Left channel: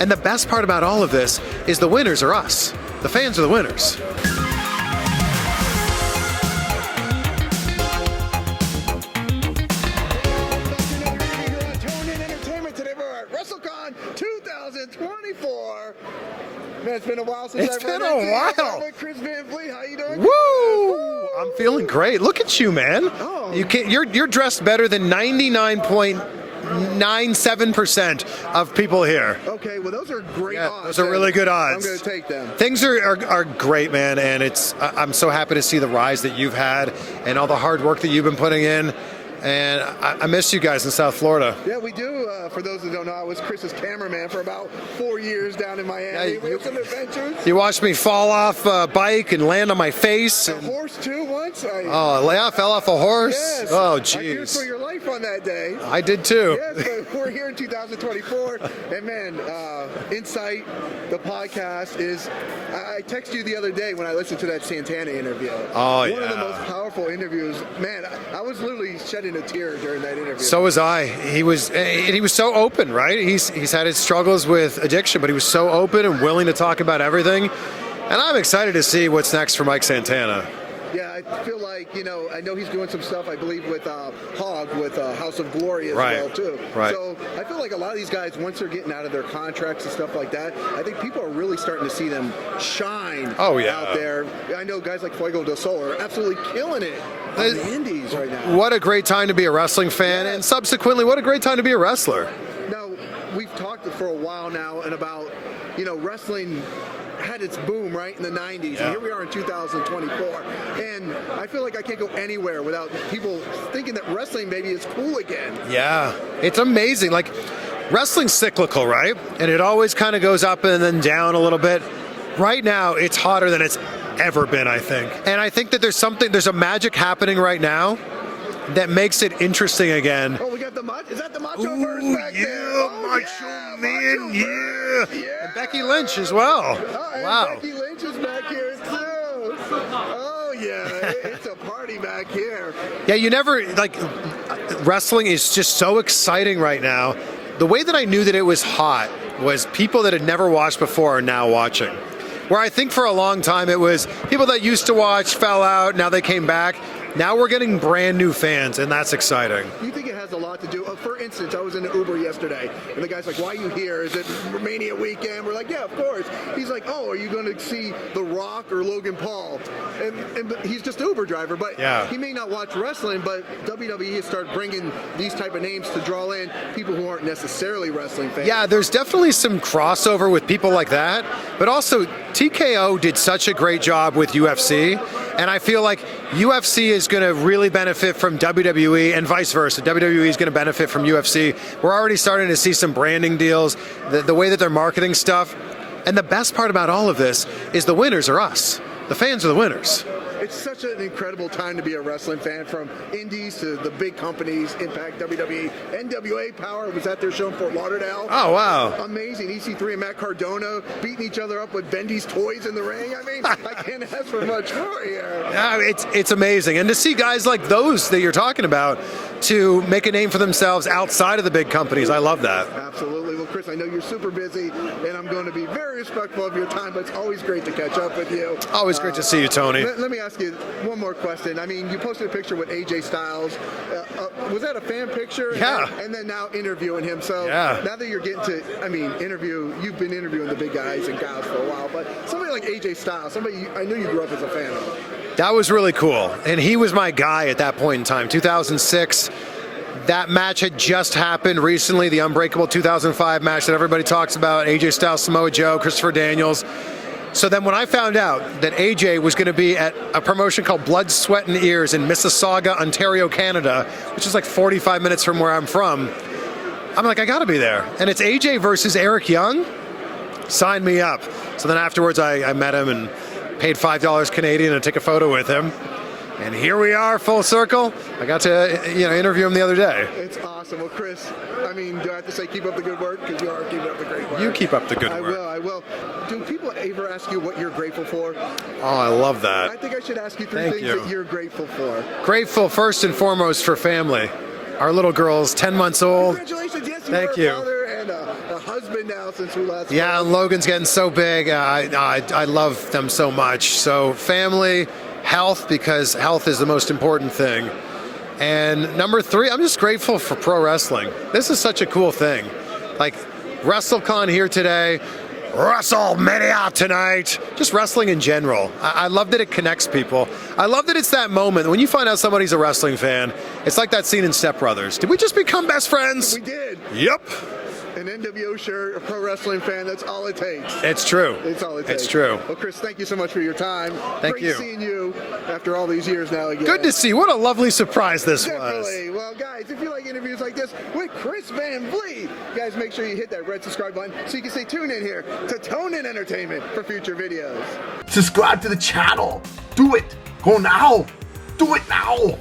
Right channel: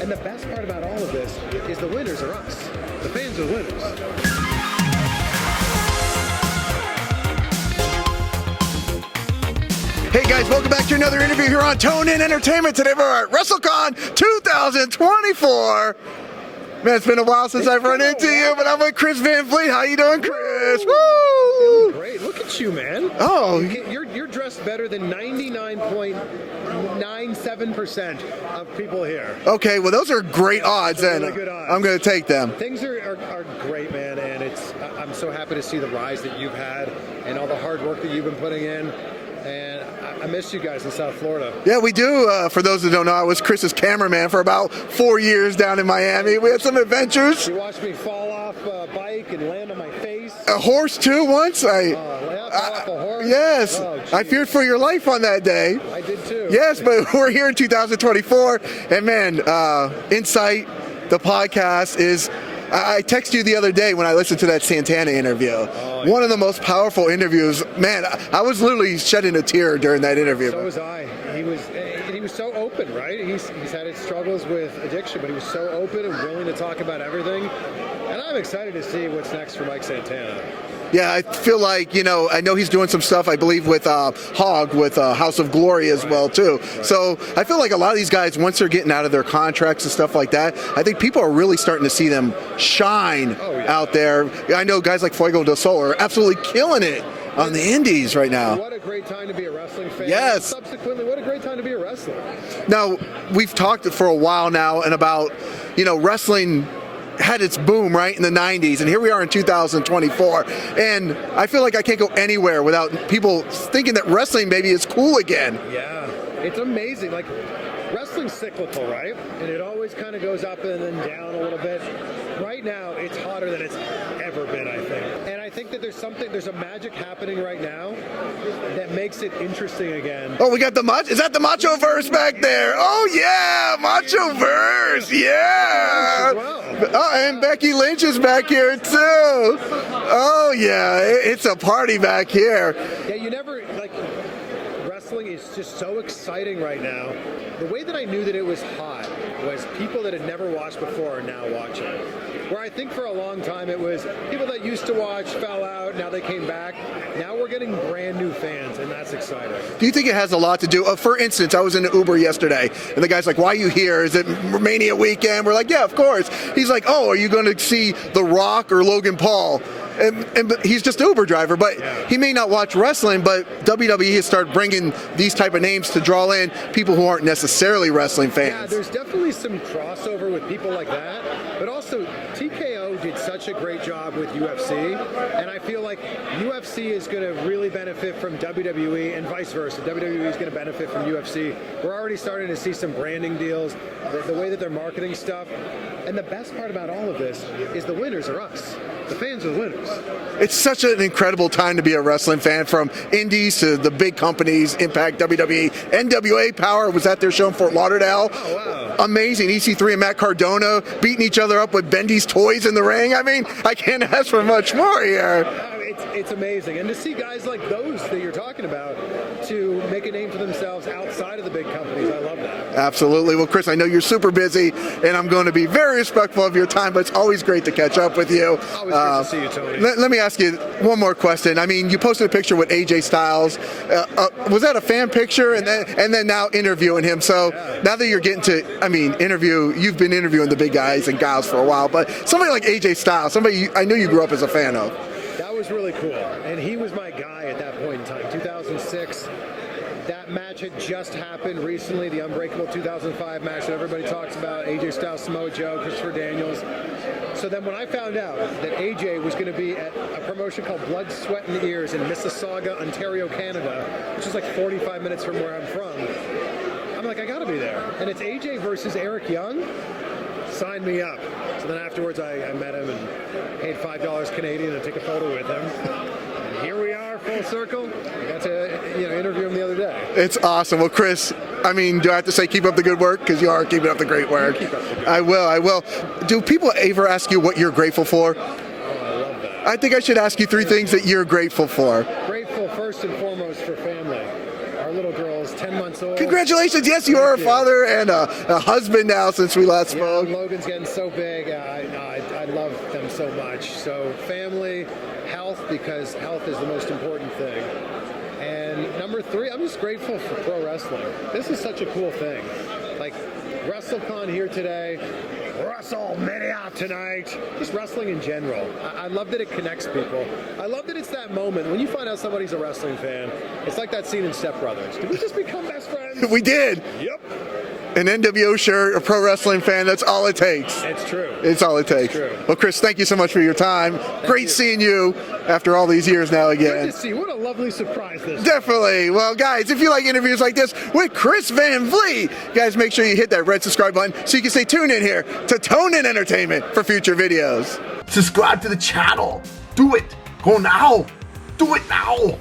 And the best part about all of this is the winners are us. The fans are the winners. Hey guys, welcome back to another interview here on Tone In Entertainment. Today we're at Wrestle Con 2024. Man, it's been a while since I've run into you, but I'm with Chris Van Vliet. How you doing, Chris? Woo! I'm feeling great. Look at you, man. Oh. You're dressed better than 99.97% of people here. Okay, well those are great odds. Those are really good odds. I'm going to take them. Things are great, man, and I'm so happy to see the rise that you've had and all the hard work that you've been putting in. And I miss you guys in South Florida. Yeah, we do. For those who don't know, I was Chris's cameraman for about 4 years down in Miami. We had some adventures. You watched me fall off a bike and land on my face. A horse too once. I fell off a horse. Yes. Oh, geez. I feared for your life on that day. I did too. Yes, but we're here in 2024, and man, Insight, the podcast is. I texted you the other day when I listened to that Santana interview. Oh, One of the most powerful interviews. Man, I was literally shedding a tear during that interview. So was I. He was so open, right? He's had his struggles with addiction, but he was so open and willing to talk about everything. And I'm excited to see what's next for Mike Santana. Yeah, I feel like, I know he's doing some stuff, I believe, with Hog, with House of Glory as well, too. Right. So I feel like a lot of these guys, once they're getting out of their contracts and stuff like that, I think people are really starting to see them shine out there. I know guys like Fuego del Sol are absolutely killing it on the indies right now. What a great time to be a wrestling fan. Yes. And subsequently, what a great time to be a wrestler. Now, we've talked for a while now and about, wrestling had its boom right in the 90s, and here we are in 2024, and I feel like I can't go anywhere without people thinking that wrestling maybe is cool again. Yeah, it's amazing. Like, wrestling's cyclical, right? And it always kind of goes up and then down a little bit. Right now, it's hotter than it's ever been, I think. And I think that there's a magic happening right now that makes it interesting again. Oh, we got the Macho. Is that the Macho Verse back there? Oh yeah, Macho Verse. Yeah. Becky Lynch as well. Oh, and Becky Lynch is back here too. Oh yeah, it's a party back here. Yeah, wrestling is just so exciting right now. The way that I knew that it was hot was people that had never watched before are now watching. Where I think for a long time it was people that used to watch, fell out, now they came back. Now we're getting brand new fans, and that's exciting. Do you think it has a lot to do? For instance, I was in an Uber yesterday, and the guy's like, "Why are you here? Is it Mania weekend?" We're like, "Yeah, of course." He's like, "Oh, are you going to see The Rock or Logan Paul?" And he's just an Uber driver, but he may not watch wrestling, but WWE has started bringing these type of names to draw in people who aren't necessarily wrestling fans. Yeah, there's definitely some crossover with people like that, but also TKO did such a great job with UFC, and I feel like UFC is going to really benefit from WWE and vice versa. WWE is going to benefit from UFC. We're already starting to see some branding deals, the way that they're marketing stuff, and the best part about all of this is the winners are us. The fans are the winners. It's such an incredible time to be a wrestling fan, from indies to the big companies, Impact, WWE, NWA Power was at their show in Fort Lauderdale. Oh, wow. Amazing. EC3 and Matt Cardona beating each other up with Bendy's toys in the ring. I mean, I can't ask for much more here. It's amazing. And to see guys like those that you're talking about to make a name for themselves outside of the big companies, I love that. Absolutely. Well, Chris, I know you're super busy, and I'm going to be very respectful of your time, but it's always great to catch up with you. Always great to see you, Tony. Let me ask you one more question. I mean, you posted a picture with AJ Styles. Was that a fan picture? And then now interviewing him. So now that you're getting to, you've been interviewing the big guys and gals for a while, but somebody like AJ Styles, somebody I know you grew up as a fan of. That was really cool. And he was my guy at that point in time, 2006. That match had just happened recently, the Unbreakable 2005 match that everybody talks about, AJ Styles, Samoa Joe, Christopher Daniels. So then when I found out that AJ was going to be at a promotion called Blood, Sweat, and Ears in Mississauga, Ontario, Canada, which is like 45 minutes from where I'm from, I'm like, I got to be there. And it's AJ versus Eric Young. Sign me up. So then afterwards I met him and paid $5 Canadian to take a photo with him. And here we are, full circle. I got to interview him the other day. It's awesome. Well, Chris, do I have to say keep up the good work? Because you are keeping up the great work. You keep up the good work. I will. Do people ever ask you what you're grateful for? Oh, I love that. I think I should ask you three things that you're grateful for. Grateful first and foremost for family. Our little girl's 10 months old. Congratulations. Yes, you are a father and a husband now since we last spoke. Yeah, Logan's getting so big. I love them so much. So family, health, because health is the most important thing. And number 3, I'm just grateful for pro wrestling. This is such a cool thing. Like Wrestle Con here today, WrestleMania tonight, just wrestling in general. I love that it connects people. I love that it's that moment when you find out somebody's a wrestling fan. It's like that scene in Step Brothers. Did we just become best friends? We did. Yep. An NWO shirt, a pro wrestling fan, that's all it takes. It's true. It's all it takes. It's true. Well, Chris, thank you so much for your time. Great you. seeing you after all these years now again. Good to see you. What a lovely surprise this Definitely. was. Well, guys, if you like interviews like this with Chris Van Vliet, guys, make sure you hit that red subscribe button so you can stay tuned in here to Tone In Entertainment for future videos. Subscribe to the channel. Do it. Go now. Do it now.